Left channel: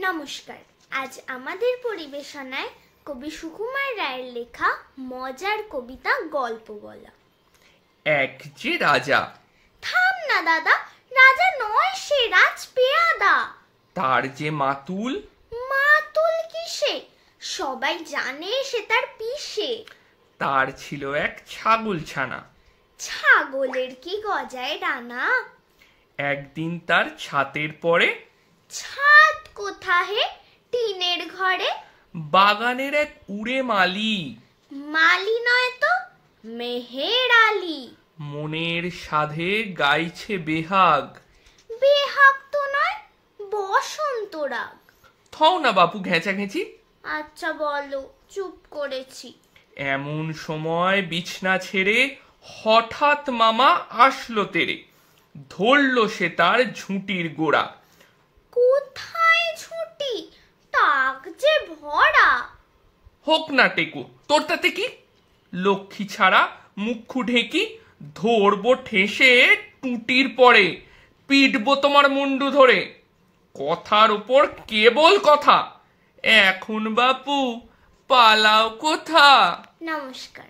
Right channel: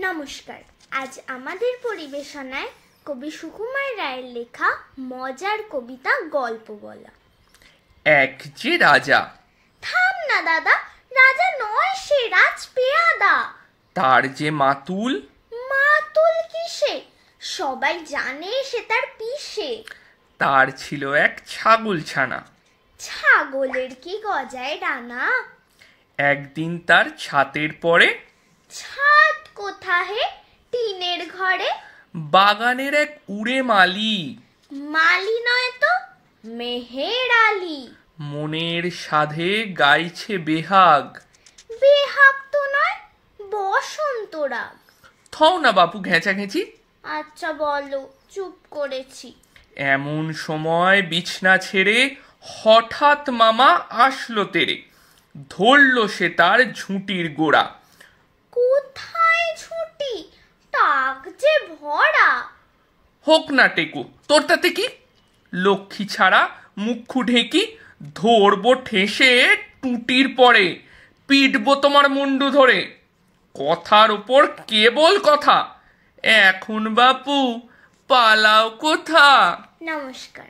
নমস্কার। আজ আমাদের পরিবেশনায় কবি সুকুমার রায়ের লেখা মজার কবিতা গল্প বলা। এক যে রাজা। থাম না দাদা, রাজা নয় সে, রাজপেয়াদা। তার যে মাতুল। মাতুল কিসে? সবাই জানে সে তার পিসে। তার ছিল এক ছাগল ছানা। ছাগলের কি গজায় ডানা? একদিন তার ছাতের পরে। ছাদ কোথা হে? টিনের ঘরে। বাগানের এক উড়ে মালি। মালি নয় তো, মেহের আলী। মনের সাধে গাইছে বেহাগ। বেহাগ তো নয়, বসন্ত রাগ। থও না বাপু ঘেঁচাঘেঁচি। আচ্ছা বলো, চুপ করেছি। এমন সময় বিছনা ছেড়ে হঠাৎ মামা আসলো তেরে। ধরলো সে তার ঝুঁটির গোড়া। কোথায় ছুটি? তাক যে ভরা। হোক না টেকো, তোর তাতে কি? লক্ষ্মী ছাড়া মুখু ঢেকি। ধরবো ঠেসে টুটির পরে, পিটবো তোমার মুন্ডু ধরে। কথার উপর কেবল কথা, এখন বাপু পালাও কোথা? নমস্কার।